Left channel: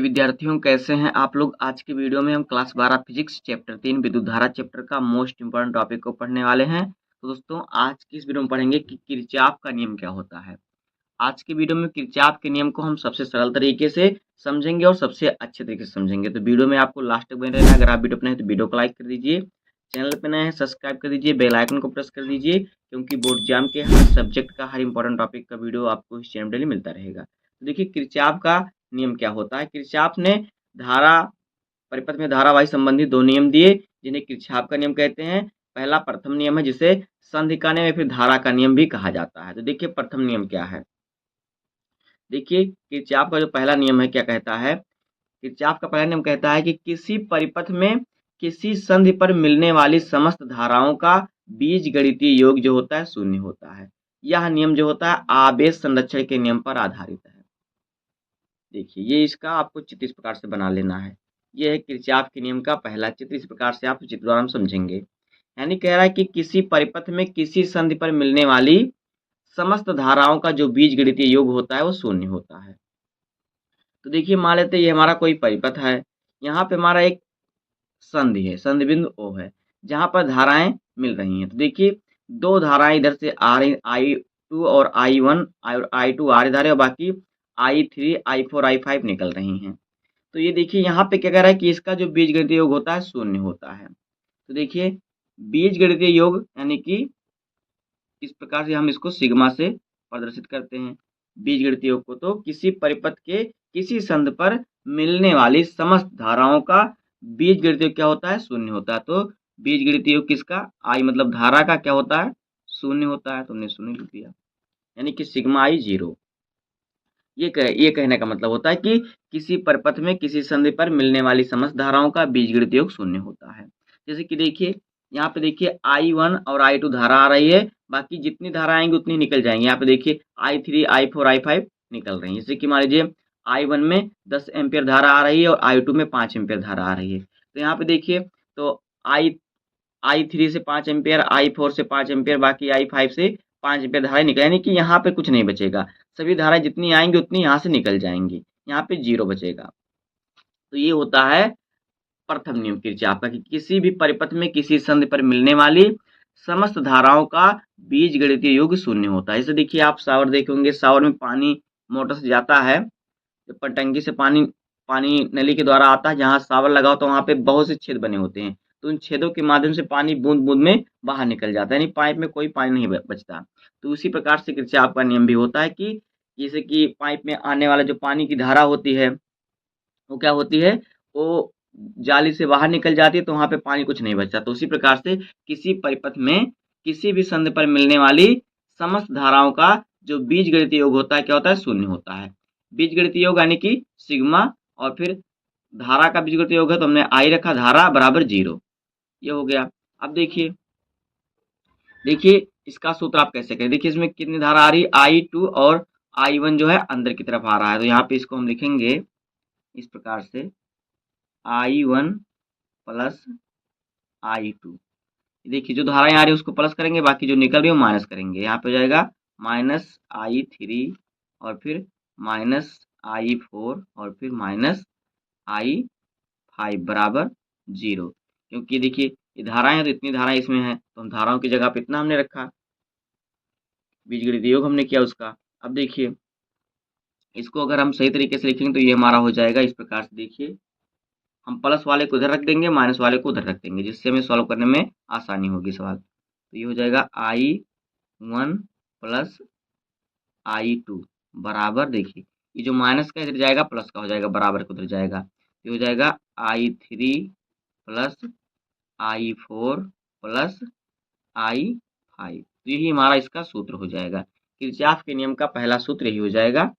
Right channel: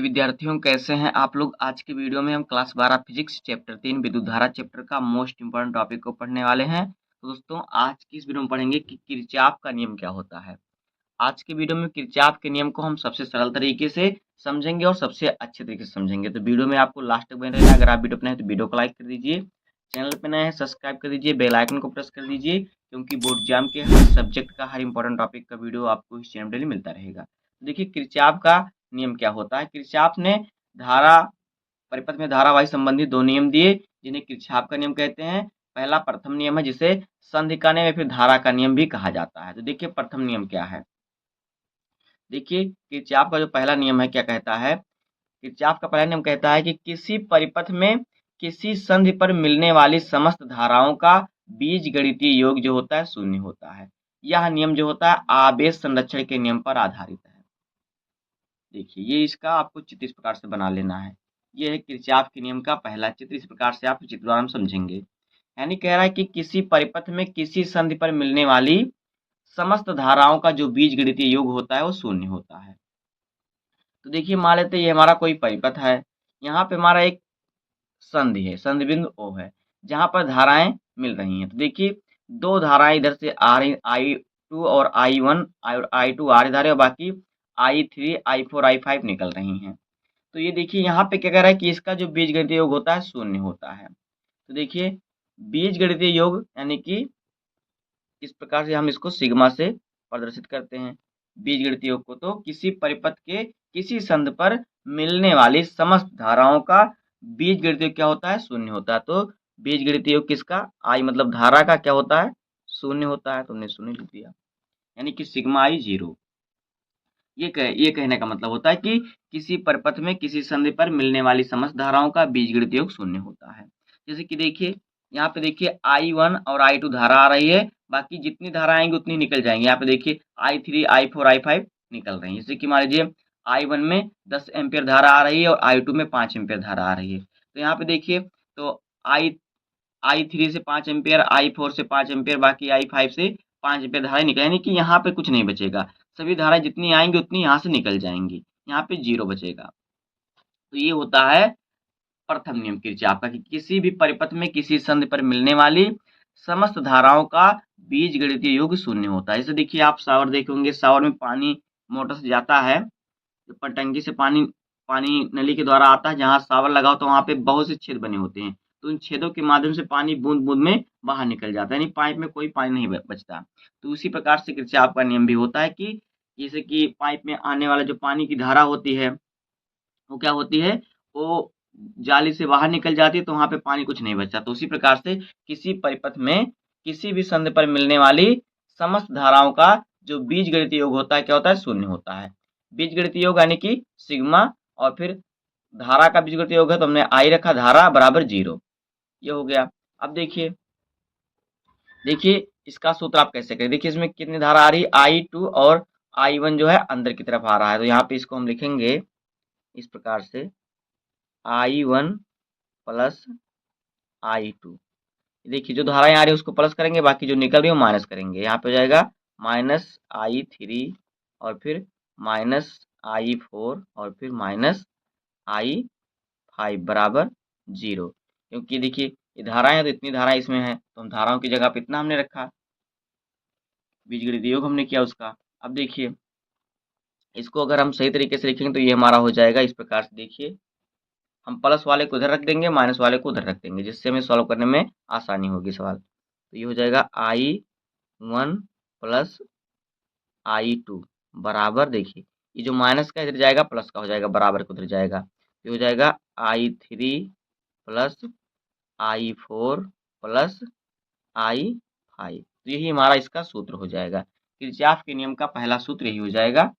प्रिय विद्यार्थियों, कैसे हैं आप लोग। आज की वीडियो में हम क्लास 12 फिजिक्स चैप्टर 3 विद्युत धारा चैप्टर का मोस्ट इंपोर्टेंट टॉपिक को पढ़ने वाले हैं। तो दोस्तों, आज की इस वीडियो में पढ़ेंगे कि किरचॉफ का नियम क्या होता है। आज की वीडियो में किरचॉफ के नियम को हम सबसे सरल तरीके से समझेंगे और सबसे अच्छे तरीके से समझेंगे। तो वीडियो में आपको लास्ट तक बने रहना। अगर आप वीडियो अपने हैं तो वीडियो को लाइक कर दीजिए, चैनल पर नए हैं सब्सक्राइब कर दीजिए, बेल आइकन को प्रेस कर दीजिए, क्योंकि बोर्ड एग्जाम के हर सब्जेक्ट का हर इंपॉर्टेंट टॉपिक का वीडियो आपको इस चैनल डेली मिलता रहेगा। तो देखिए, किरचॉफ का नियम क्या होता है। किरचॉफ ने धारा परिपथ में धारावाही संबंधी दो नियम दिए, जिन्हें किरचॉफ का नियम कहते हैं। पहला प्रथम नियम है, जिसे संधि का नियम या फिर धारा का नियम भी कहा जाता है। तो देखिए, प्रथम नियम क्या है। देखिए, किरचॉफ का जो पहला नियम है क्या कहता है। किरचॉफ का पहला नियम कहता है कि किसी परिपथ में किसी संधि पर मिलने वाली समस्त धाराओं का बीजगणितीय योग जो होता है शून्य होता है। यह नियम जो होता है आवेश संरक्षण के नियम पर आधारित है। देखिए, ये इसका आपको चित्र इस प्रकार से बना लेना है। ये है किरचॉफ के नियम का पहला चित्र। इस प्रकार से आप चित्र द्वारा हम समझेंगे। यानी कह रहा है कि किसी परिपथ में किसी संधि पर मिलने वाली समस्त धाराओं का जो बीजगणितीय योग होता है वो शून्य होता है। तो देखिए, मान लेते हैं ये हमारा कोई परिपथ है। यहाँ पे हमारा एक संधि है, संधि बिंदु O है, जहाँ पर धाराएं मिल रही हैं। तो देखिए, दो धाराएं इधर से आ रही, I2 और I1 और I2 आ रही धारा, और बाकी I3 I4 I5 निकल रही हैं। तो ये देखिए, यहाँ पे क्या कह रहा है कि इसका जो बीजगणितीय योग होता है शून्य होता है। तो देखिए, बीजगणितीय योग यानी कि इस प्रकार से हम इसको सिग्मा से प्रदर्शित करते हैं बीजगणितीय योग को। तो किसी परिपथ के किसी संध पर मिलने वाली समस्त धाराओं का बीजगणितीय योग क्या होता है शून्य होता है। तो बीजगणितीय योग किसका, आई मतलब धारा का क्या होता है शून्य होता है। तो हमने शून्य लिख दिया, यानी कि सिग्मा आई 0। ये कहने का मतलब होता है कि किसी परिपथ में किसी संधि पर मिलने वाली समस्त धाराओं का बीजगणितीय योग शून्य होता है। जैसे कि देखिए, यहाँ पे देखिए I1 और I2 धारा आ रही है, बाकी जितनी धारा आएंगी उतनी निकल जाएंगी। यहाँ पे देखिए I3 I4 I5 निकल रही है। जैसे कि मान लीजिए I1 में 10 एम्पियर धारा आ रही है और I2 में 5 एम्पियर धारा आ रही है। तो यहाँ पे देखिए, तो I3 से 5 एम्पियर, I4 से 5 एम्पियर, बाकी I5 से 5 एम्पियर धाराएं निकल, यानी कि यहाँ पे कुछ नहीं बचेगा। सभी धाराएं जितनी आएंगी उतनी यहाँ से निकल जाएंगी, यहाँ पे 0 बचेगा। तो ये होता है प्रथम नियम किरचॉफ का कि किसी भी परिपथ में किसी संधि पर मिलने वाली समस्त धाराओं का बीजगणितीय योग शून्य होता है। जैसे देखिए, आप शावर देखे होंगे, शावर में पानी मोटर से जाता है, ऊपर टंकी से पानी पानी नली के द्वारा आता है। जहाँ शावर लगा होता है वहाँ पे बहुत से छेद बने होते हैं। तो उन छेदों के माध्यम से पानी बूंद बूंद में बाहर निकल जाता है, यानी पाइप में कोई पानी नहीं बचता। तो उसी प्रकार से किरचॉफ का नियम भी होता है कि जैसे कि पाइप में आने वाला जो पानी की धारा होती है वो क्या होती है, वो जाली से बाहर निकल जाती है, तो वहाँ पे पानी कुछ नहीं बचता। तो उसी प्रकार से किसी परिपथ में किसी भी संधि पर मिलने वाली समस्त धाराओं का जो बीजगणितीय योग होता है क्या होता है शून्य होता है। बीजगणितीय योग यानी कि सिग्मा, और फिर धारा का बीजगणितीय योग है तो हमने आई रखा, धारा बराबर 0। ये हो गया। अब देखिए, देखिए इसका सूत्र आप कैसे करें। देखिए, इसमें कितनी धारा आ रही है, I2 और I1 जो है अंदर की तरफ आ रहा है। तो यहाँ पे इसको हम लिखेंगे इस प्रकार से, I1 प्लस I2। देखिए, जो धाराएं आ रही है उसको प्लस करेंगे, बाकी जो निकल रही है वो माइनस करेंगे। यहाँ पे हो जाएगा माइनस I3 और फिर माइनस I4 और फिर माइनस I5 बराबर 0। क्योंकि देखिए, ये धाराएं हैं तो इतनी धाराएं इसमें है, तो हम धाराओं की जगह पे इतना हमने रखा, बीजगणितीय योग हमने किया उसका। अब देखिए, इसको अगर हम सही तरीके से लिखेंगे तो ये हमारा हो जाएगा इस प्रकार से। देखिए, हम प्लस वाले को उधर रख देंगे, माइनस वाले को उधर रख देंगे, जिससे हमें सॉल्व करने में आसानी होगी सवाल। तो ये हो जाएगा I1 प्लस I2 बराबर, देखिए ये जो माइनस का इधर जाएगा प्लस का हो जाएगा, बराबर का उधर जाएगा। ये हो जाएगा I3 plus I4 plus I5। तो यही हमारा इसका सूत्र हो जाएगा। किरचॉफ के नियम का पहला सूत्र यही हो जाएगा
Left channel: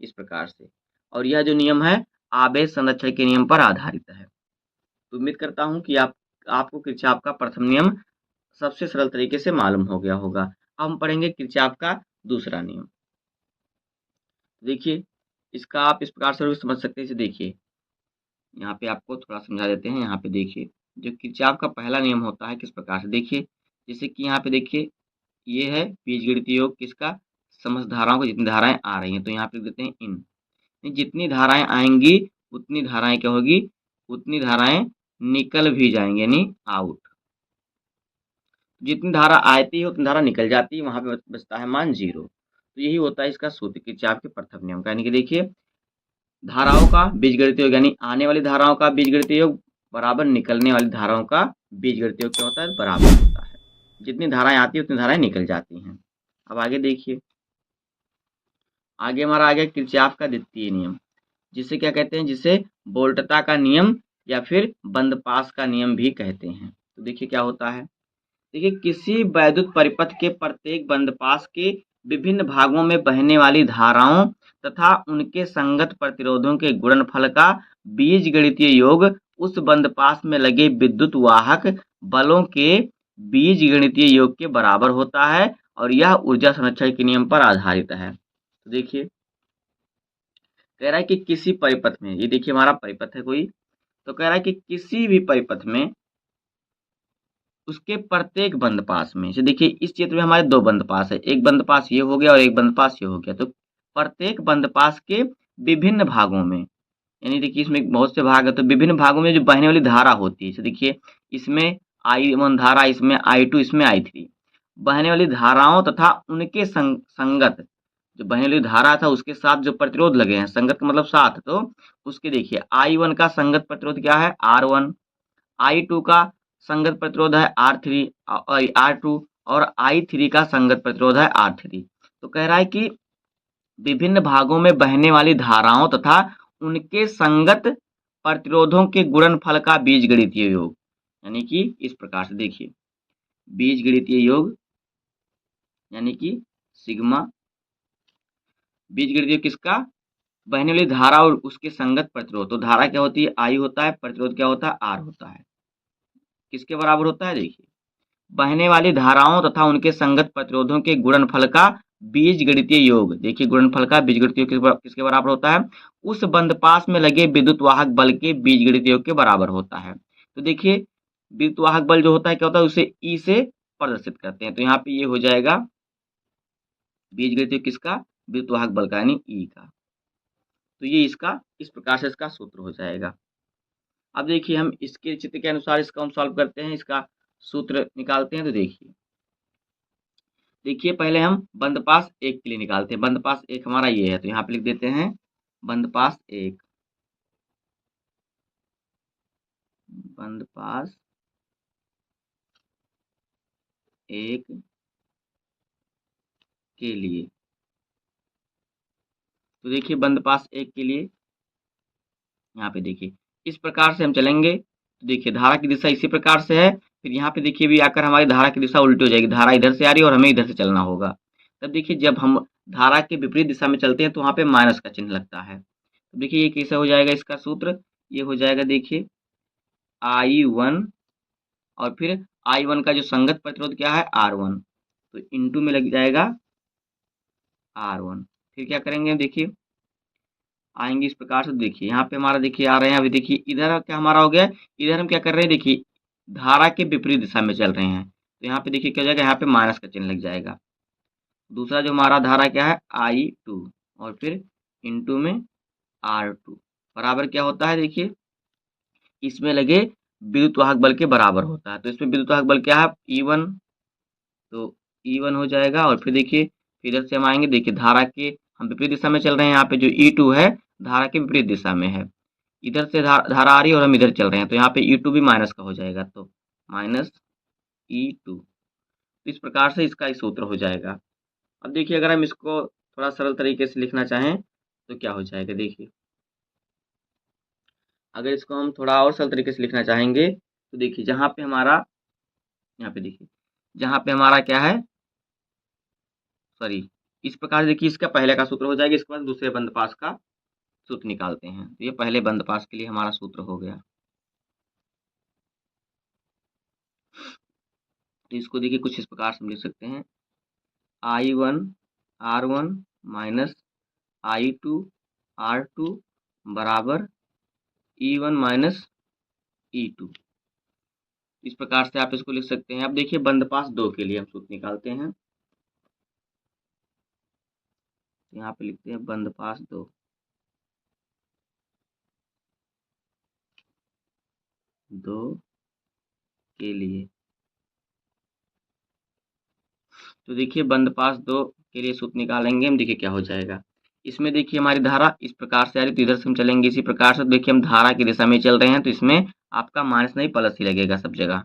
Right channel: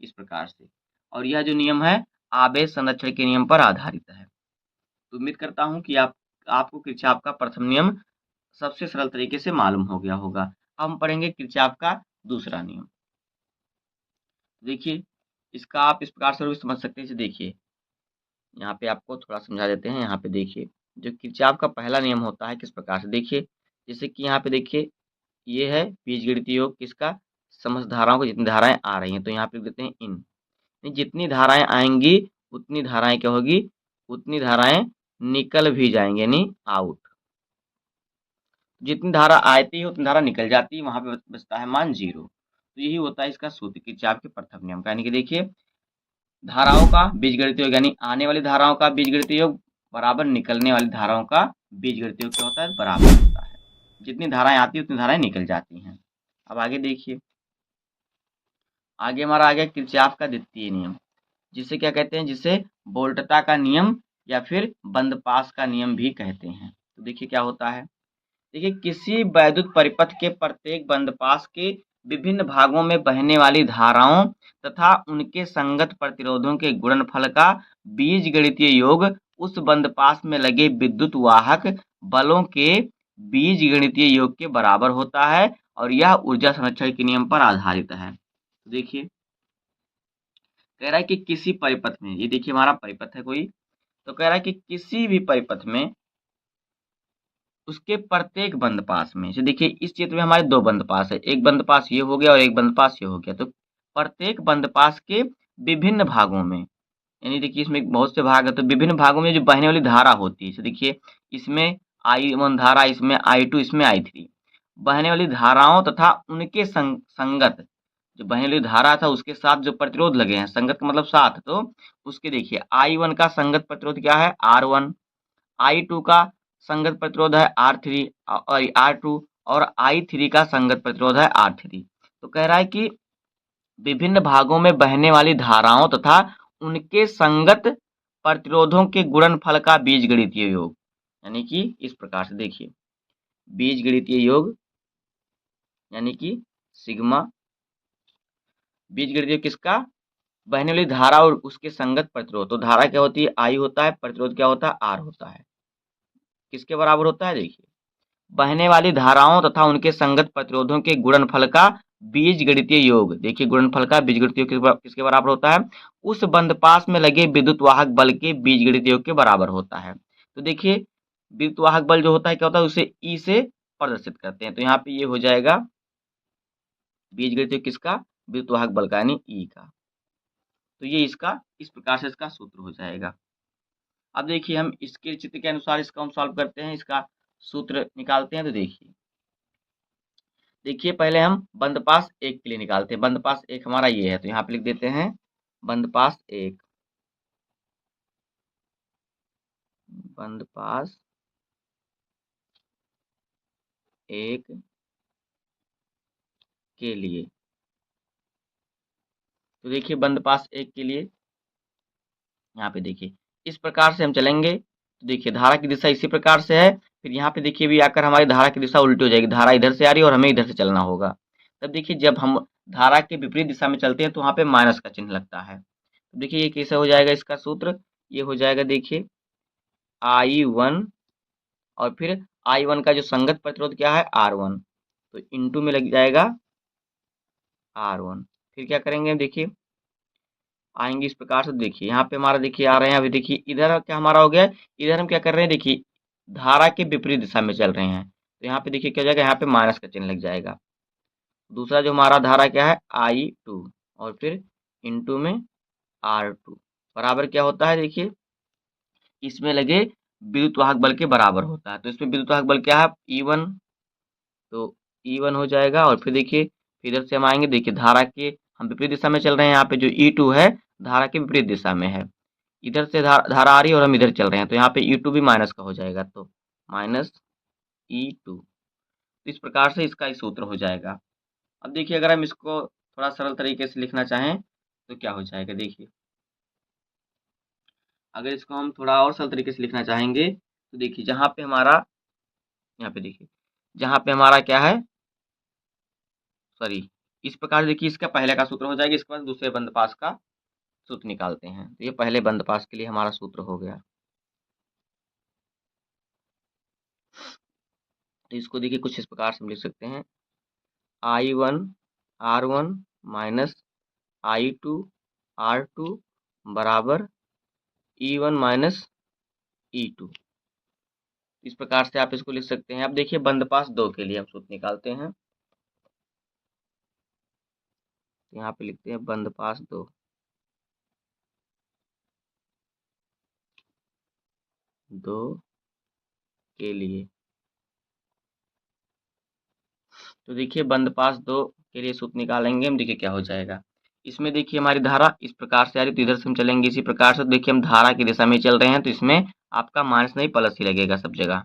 इस प्रकार से। और यह जो नियम है आवेश संरक्षण के नियम पर आधारित है। तो उम्मीद करता हूँ कि आपको किरचॉफ का प्रथम नियम सबसे सरल तरीके से मालूम हो गया होगा। अब हम पढ़ेंगे किरचॉफ का दूसरा नियम। देखिए, इसका आप इस प्रकार से भी समझ सकते हैं। जैसे देखिए, यहाँ पे आपको थोड़ा समझा देते हैं। यहाँ पे देखिए, जो किरचॉफ का पहला नियम होता है किस प्रकार से, देखिए जैसे कि यहाँ पे देखिए, ये है बीजगणितीय योग किसका, समस्त धाराओं को जितनी धाराएं आ रही हैं। तो यहाँ पे लिख देते हैं इन, जितनी धाराएं आएंगी उतनी धाराएं क्या होगी, उतनी धाराएं निकल भी जाएंगे, यानी आउट। जितनी धारा आती है उतनी धारा निकल जाती है, वहां पे बचता है मान 0। तो यही होता है इसका सूत्र, किरचॉफ के प्रथम नियम का। यानी कि देखिए, धाराओं का बीजगणितीय योग, यानी आने वाली धाराओं का बीजगणितीय योग बराबर निकलने वाली धाराओं का बीजगणितीय योग क्या होता है, बराबर होता है। जितनी धाराएं आती है उतनी धाराएं निकल जाती हैं। अब आगे देखिए, आगे हमारा आ गया किरचॉफ का द्वितीय नियम, जिसे क्या कहते हैं, जिसे वोल्टता का नियम या फिर बंद-पास का नियम भी कहते हैं। तो देखिए क्या होता है, देखिए किसी वैद्युत परिपथ के प्रत्येक बंदपास के विभिन्न भागों में बहने वाली धाराओं तथा उनके संगत प्रतिरोधों के गुणनफल का बीजगणितीय योग उस बंदपास में लगे विद्युत वाहक बलों के बीजगणितीय योग के बराबर होता है और यह ऊर्जा संरक्षण के नियम पर आधारित है। तो देखिए, कह रहा है कि किसी परिपथ में, ये देखिए हमारा परिपथ है कोई, तो कह रहा है कि किसी भी परिपथ में उसके प्रत्येक बंद पास में से, देखिए इस चित्र में हमारे दो बंद पास है, एक बंद पास ये हो गया और एक बंद पास ये हो गया। तो प्रत्येक बंद पास के विभिन्न भागों में, यानी देखिए इसमें बहुत से भाग है, तो विभिन्न भागों में जो बहने वाली धारा होती है, तो देखिए इसमें I1 धारा, इसमें I2, इसमें I3, बहने वाली धाराओं तथा उनके संगत, जो बहने वाली धारा था उसके साथ जो प्रतिरोध लगे हैं, संगत का मतलब साथ, तो उसके देखिए I1 का संगत प्रतिरोध क्या है, R1, I2 का संगत प्रतिरोध है R3 और R2, और I3 का संगत प्रतिरोध है R3। तो कह रहा है कि विभिन्न भागों में बहने वाली धाराओं तथा उनके संगत प्रतिरोधों के गुणनफल का बीजगणितीय योग, यानी कि इस प्रकार से देखिए, बीजगणितीय योग यानी कि सिग्मा, बीजगणितीय योग किसका, बहने वाली धारा और उसके संगत प्रतिरोध। तो धारा क्या होती है, I होता है, प्रतिरोध क्या होता है, R होता है। किसके बराबर होता है, देखिए बहने वाली धाराओं तथा उनके संगत प्रतिरोधों के गुणनफल का बीजगणितीय योग, देखिए गुणनफल का बीजगणितीय योग किसके बराबर होता है, उस बंदपास में लगे विद्युत वाहक बल के बीजगणितीय योग के बराबर होता है। तो देखिए विद्युत वाहक बल जो होता है क्या होता है, उसे ई से प्रदर्शित करते हैं। तो यहाँ पे ये हो जाएगा बीजगणितीय किसका, विद्युत वाहक बल का, यानी ई का। तो ये इसका इस प्रकार से इसका सूत्र हो जाएगा। अब देखिए हम इसके चित्र के अनुसार इसका हम सॉल्व करते हैं, इसका सूत्र निकालते हैं। तो देखिए, देखिए पहले हम बंदपास एक के लिए निकालते हैं। बंदपास एक हमारा ये है, तो यहाँ पे लिख देते हैं बंदपास एक, बंदपास एक के लिए। तो देखिए बंदपास एक के लिए यहाँ पे देखिए इस प्रकार से हम चलेंगे। तो देखिए धारा की दिशा इसी प्रकार से है, फिर यहाँ पे देखिए भी आकर हमारी धारा की दिशा उल्टी हो जाएगी, धारा इधर से आ रही है और हमें इधर से चलना होगा। तब देखिए जब हम धारा के विपरीत दिशा में चलते हैं तो वहाँ पे माइनस का चिन्ह लगता है। तो देखिए ये कैसे हो जाएगा इसका सूत्र, ये हो जाएगा देखिए I1 और फिर I1 का जो संगत प्रतिरोध क्या है, R1, तो इंटू में लग जाएगा R1। फिर क्या करेंगे, देखिए आएंगे इस प्रकार से। देखिए यहाँ पे हमारा देखिए आ रहे हैं, अभी देखिए इधर क्या हमारा हो गया है, इधर हम क्या कर रहे हैं, देखिए धारा के विपरीत दिशा में चल रहे हैं। तो यहाँ पे देखिए क्या हो जाएगा, यहाँ पे माइनस का चिन्ह लग जाएगा। दूसरा जो हमारा धारा क्या है, I2 और फिर इंटू में R2 बराबर क्या होता है, देखिए इसमें लगे विद्युत वाहक बल के बराबर होता है। तो इसमें विद्युत वाहक बल क्या है, E1, तो E1 हो जाएगा। और फिर देखिए इधर से हम आएंगे, देखिए धारा के हम विपरीत दिशा में चल रहे हैं, यहाँ पे जो E2 है धारा के विपरीत दिशा में है, इधर से धारा आ रही है और हम इधर चल रहे हैं, तो यहाँ पे E2 भी माइनस का हो जाएगा, तो माइनस E2। इस प्रकार से इसका सूत्र हो जाएगा। अब देखिए अगर हम इसको थोड़ा सरल तरीके से लिखना चाहें तो क्या हो जाएगा, देखिए अगर इसको हम थोड़ा और सरल तरीके से लिखना चाहेंगे तो देखिए जहाँ पे हमारा, यहाँ पे देखिए जहाँ पे हमारा क्या है, सॉरी, इस प्रकार देखिए इसका पहले का सूत्र हो जाएगा, इसके बाद दूसरे बंदपास का सूत्र निकालते हैं। तो ये पहले बंदपास के लिए हमारा सूत्र हो गया। तो इसको देखिए कुछ इस प्रकार से हम लिख सकते हैं, I1 R1 minus I2 R2 बराबर E1 माइनस E2। इस प्रकार से आप इसको लिख सकते हैं। अब देखिए बंदपास दो के लिए हम सूत्र निकालते हैं। यहाँ पे लिखते हैं बंदपास दो, 2 के लिए। तो देखिए बंद पास 2 के लिए सूत्र निकालेंगे हम, देखिए क्या हो जाएगा। इसमें देखिए हमारी धारा इस प्रकार से आ रही है, तो इधर से हम चलेंगे इसी प्रकार से। तो देखिए हम धारा की दिशा में ही चल रहे हैं, तो इसमें आपका माइनस नहीं प्लस ही लगेगा सब जगह,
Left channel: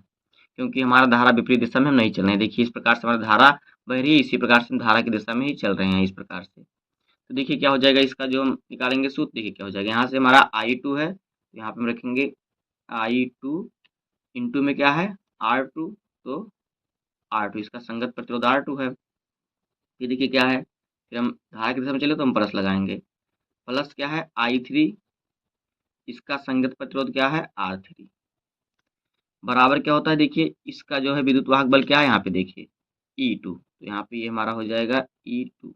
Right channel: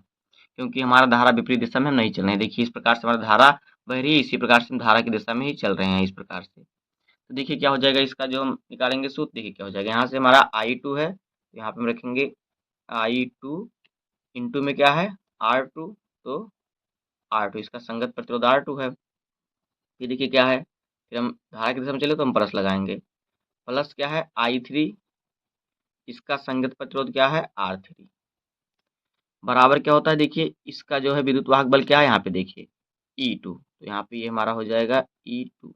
क्योंकि हमारा धारा विपरीत दिशा में हम नहीं चल रहे हैं। देखिए इस प्रकार से हमारी धारा बह रही है, इसी प्रकार से हम धारा की दिशा में ही चल रहे हैं इस प्रकार से। तो देखिए क्या हो जाएगा, इसका जो हम निकालेंगे सूत्र, देखिए क्या हो जाएगा। यहाँ से हमारा I2 है, तो यहाँ पे हम रखेंगे I2 इंटू में क्या है R2, तो R2 इसका संगत प्रतिरोध R2 है। ये देखिए क्या है, फिर हम धारा की दिशा में चले तो हम प्लस लगाएंगे, प्लस क्या है I3, इसका संगत प्रतिरोध क्या है R3, बराबर क्या होता है, देखिए इसका जो है विद्युत वाहक बल क्या है यहाँ पे देखिए E2, तो यहाँ पे ये हमारा हो जाएगा E2।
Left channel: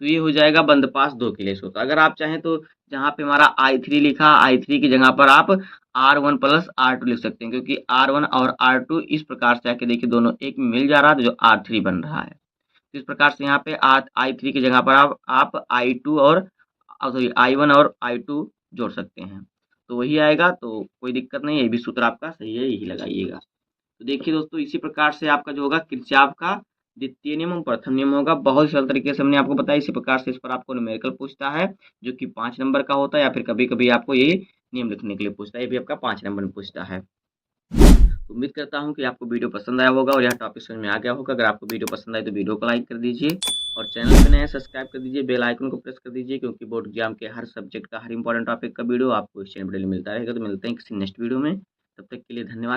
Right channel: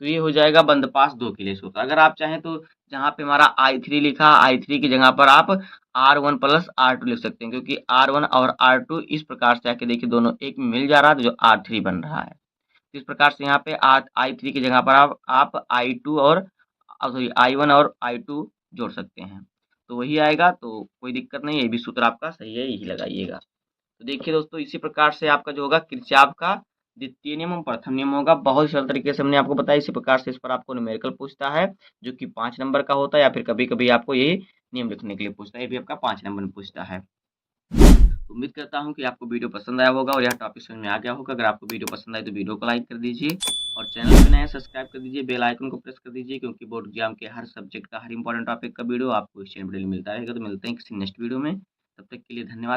तो ये हो जाएगा बंद पास 2 के लिए सूत्र। अगर आप चाहें तो जहाँ पे हमारा I3 लिखा, I3 की जगह पर आप R1 प्लस R2 लिख सकते हैं, क्योंकि R1 और R2 इस प्रकार से आके देखिए दोनों एक में मिल जा रहा है, तो जो R3 बन रहा है। तो इस प्रकार से यहाँ पे I3 की जगह पर आप I2 और सॉरी I1 और I2 जोड़ सकते हैं, तो वही आएगा। तो कोई दिक्कत नहीं है, ये भी सूत्र आपका सही है, यही लगाइएगा। तो देखिए दोस्तों इसी प्रकार से आपका जो होगा किरचॉफ का द्वितीय नियम और प्रथम नियम होगा। बहुत ही सरल तरीके से हमने आपको बताया। इसी प्रकार से इस पर आपको न्यूमेरिकल पूछता है, जो कि 5 नंबर का होता है, या फिर कभी-कभी आपको ये नियम लिखने के लिए पूछता है, ये भी आपका 5 नंबर में पूछता है। तो उम्मीद करता हूँ कि आपको वीडियो पसंद आया होगा और यह टॉपिक समझ में आ गया होगा। अगर आपको वीडियो पसंद आए तो वीडियो को लाइक कर दीजिए और चैनल पे नए हैं सब्सक्राइब कर दीजिए, बेल आइकन को प्रेस कर दीजिए, क्योंकि बोर्ड एग्जाम के हर सब्जेक्ट का हर इंपॉर्टेंट टॉपिक का वीडियो आपको इस चैनल पर डेली मिलता रहेगा। तो मिलते हैं किसी नेक्स्ट वीडियो में, तब तक के लिए धन्यवाद।